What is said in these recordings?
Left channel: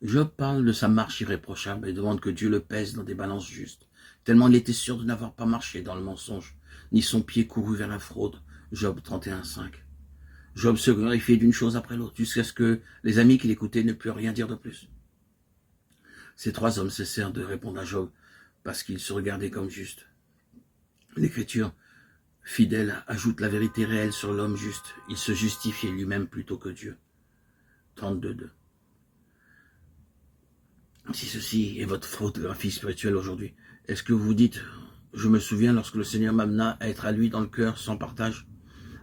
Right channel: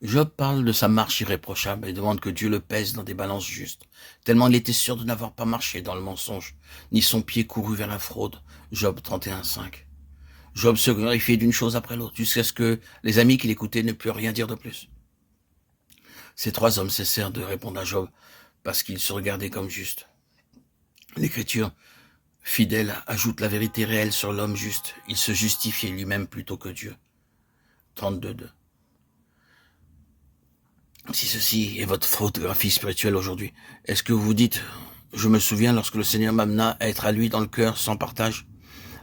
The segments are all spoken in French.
Job parle de sa marche irréprochable et demande que Dieu le pèse dans des balances justes, tellement il était sûr de n'avoir pas marché dans le mensonge, ni son pied couru vers la fraude. Job 31,5. Job se glorifiait d'une chose après l'autre, jusqu'à ce que les amis qui l'écoutaient ne purent rien dire de plus. Ces trois hommes cessèrent de répondre à Job, parce qu'ils se regardaient comme justes. L'Écriture, fidèle, ajoute la vérité réelle sur l'homme juste. Il se justifiait lui-même plutôt que Dieu. 32,2. Si ceci est votre photographie spirituelle aujourd'hui, est-ce que vous dites, je me souviens lorsque le Seigneur m'amena à être à lui dans le cœur sans partage,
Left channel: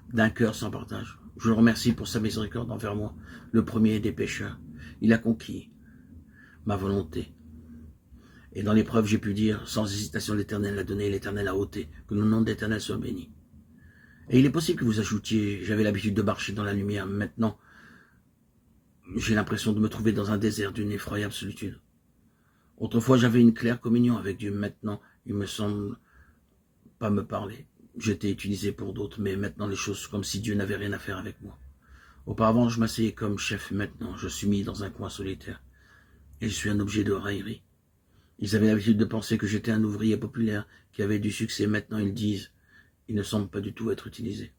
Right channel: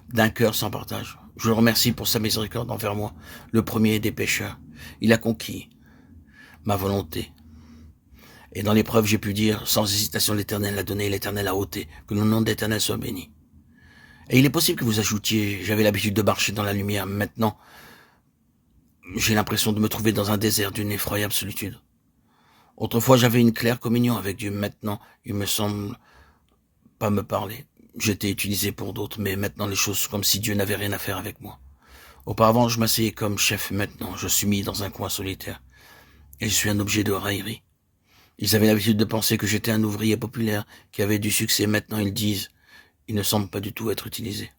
d'un cœur sans partage. Je le remercie pour sa miséricorde envers moi, le premier des pécheurs. Il a conquis ma volonté. Et dans l'épreuve, j'ai pu dire, sans hésitation, l'Éternel a donné, l'Éternel a ôté, que le nom de l'Éternel soit béni. Et il est possible que vous ajoutiez, j'avais l'habitude de marcher dans la lumière, maintenant, j'ai l'impression de me trouver dans un désert d'une effroyable solitude. Autrefois, j'avais une claire communion avec Dieu. Maintenant, il me semble pas me parler. J'étais utilisé pour d'autres, mais maintenant les choses sont comme si Dieu n'avait rien à faire avec moi. Auparavant, je m'asseyais comme chef. Maintenant, je suis mis dans un coin solitaire. Et je suis un objet de raillerie. Ils avaient l'habitude de penser que j'étais un ouvrier populaire, qui avait du succès. Maintenant, ils disent, il ne semble pas du tout être utilisé.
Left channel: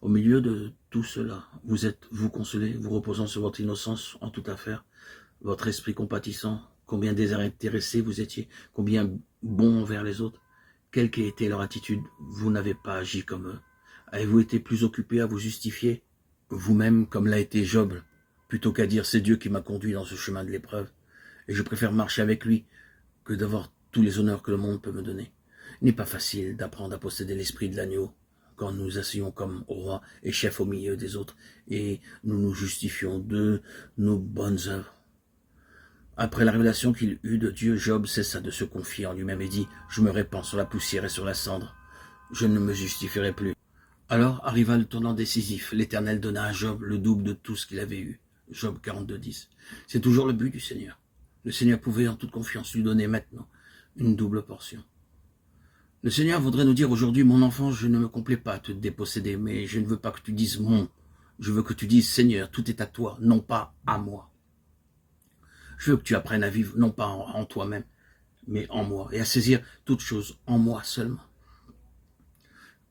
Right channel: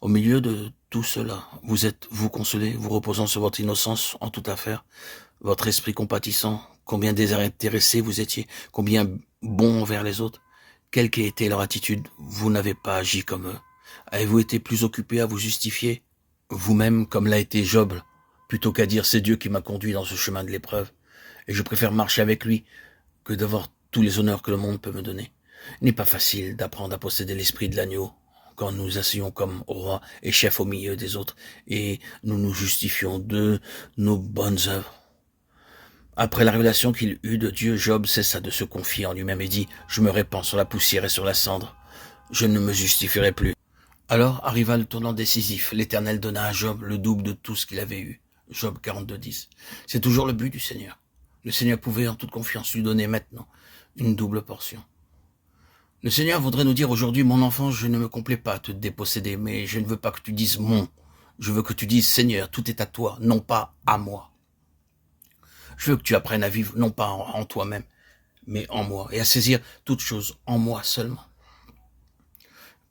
Au milieu de tout cela, vous êtes, vous consolés, vous reposant sur votre innocence en toute affaire, votre esprit compatissant, combien désintéressé vous étiez, combien bon envers les autres. Quelle qu'ait été leur attitude, vous n'avez pas agi comme eux. Avez-vous été plus occupé à vous justifier vous-même comme l'a été Job, plutôt qu'à dire c'est Dieu qui m'a conduit dans ce chemin de l'épreuve, et je préfère marcher avec lui que d'avoir tous les honneurs que le monde peut me donner. Il n'est pas facile d'apprendre à posséder l'esprit de l'agneau quand nous asseyons comme roi et chef au milieu des autres, et nous nous justifions de nos bonnes œuvres. Après la révélation qu'il eut de Dieu, Job cessa de se confier en lui-même et dit « Je me répands sur la poussière et sur la cendre. Je ne me justifierai plus. » Alors arriva le tournant décisif. L'Éternel donna à Job le double de tout ce qu'il avait eu. Job 42,10. C'est toujours le but du Seigneur. Le Seigneur pouvait en toute confiance lui donner maintenant une double portion. Le Seigneur voudrait nous dire aujourd'hui, mon enfant, je ne me complais pas à te déposséder, mais je ne veux pas que tu dises mon. Je veux que tu dises, Seigneur, tout est à toi, non pas à moi. Je veux que tu apprennes à vivre, non pas en toi-même, mais en moi, et à saisir toutes choses en moi seulement.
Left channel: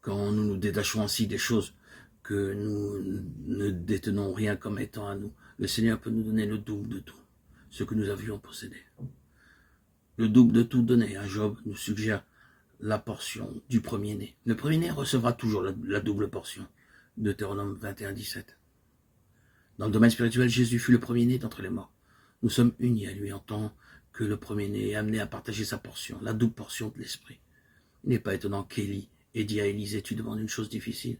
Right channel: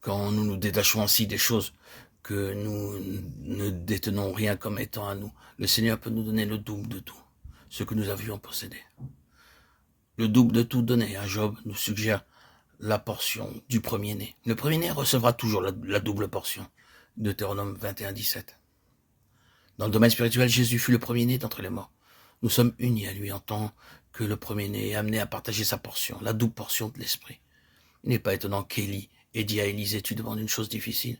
Quand nous nous détachons ainsi des choses que nous ne détenons rien comme étant à nous, le Seigneur peut nous donner le double de tout, ce que nous avions possédé. Le double de tout donné à Job nous suggère la portion du premier-né. Le premier-né recevra toujours la double portion. Deutéronome 21,17. Dans le domaine spirituel, Jésus fut le premier-né d'entre les morts. Nous sommes unis à lui en tant que le premier-né est amené à partager sa portion, la double portion de l'esprit. Il n'est pas étonnant qu'Élie ait dit à Élisée, tu demandes une chose difficile,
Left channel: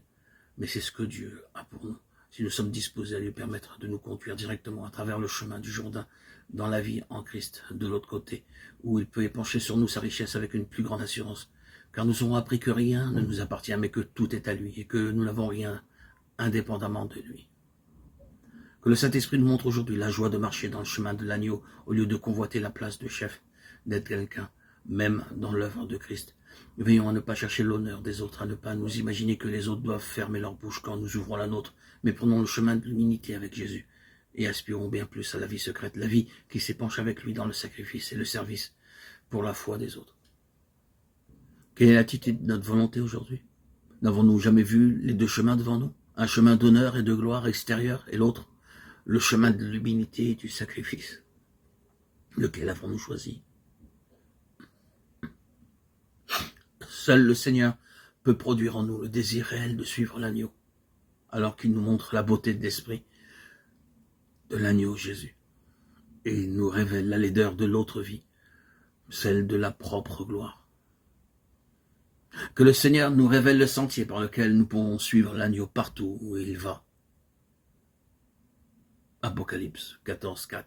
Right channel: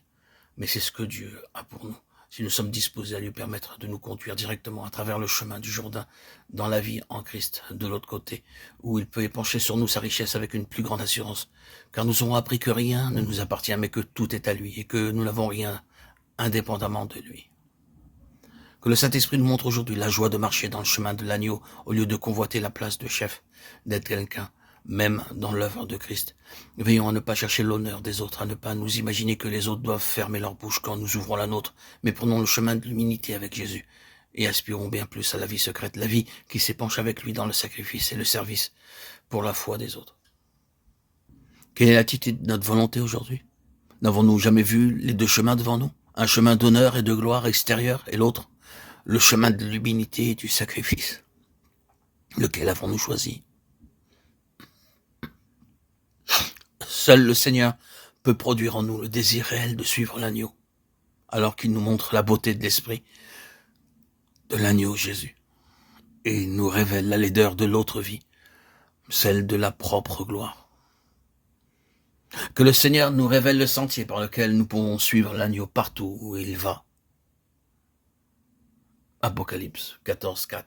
mais c'est ce que Dieu a pour nous. Si nous sommes disposés à lui permettre de nous conduire directement à travers le chemin du Jourdain, dans la vie en Christ, de l'autre côté, où il peut épancher sur nous sa richesse avec une plus grande assurance, car nous aurons appris que rien ne nous appartient, mais que tout est à lui, et que nous n'avons rien indépendamment de lui. Que le Saint-Esprit nous montre aujourd'hui la joie de marcher dans le chemin de l'agneau, au lieu de convoiter la place de chef, d'être quelqu'un, même dans l'œuvre de Christ. Veillons à ne pas chercher l'honneur des autres, à ne pas nous imaginer que les autres doivent fermer leur bouche quand nous ouvrons la nôtre, mais prenons le chemin de l'humilité avec Jésus, et aspirons bien plus à la vie secrète, la vie qui s'épanche avec lui dans le sacrifice et le service pour la foi des autres. Quelle est l'attitude de notre volonté aujourd'hui? N'avons-nous jamais vu les deux chemins devant nous? Un chemin d'honneur et de gloire extérieure, et l'autre, le chemin de l'humilité et du sacrifice. Lequel avons-nous choisi? Seul le Seigneur peut produire en nous le désir réel de suivre l'agneau, alors qu'il nous montre la beauté de l'esprit de l'agneau Jésus, et nous révèle la laideur de l'autre vie, celle de la propre gloire. Que le Seigneur nous révèle le sentier par lequel nous pouvons suivre l'agneau partout où il va. Apocalypse 14,4.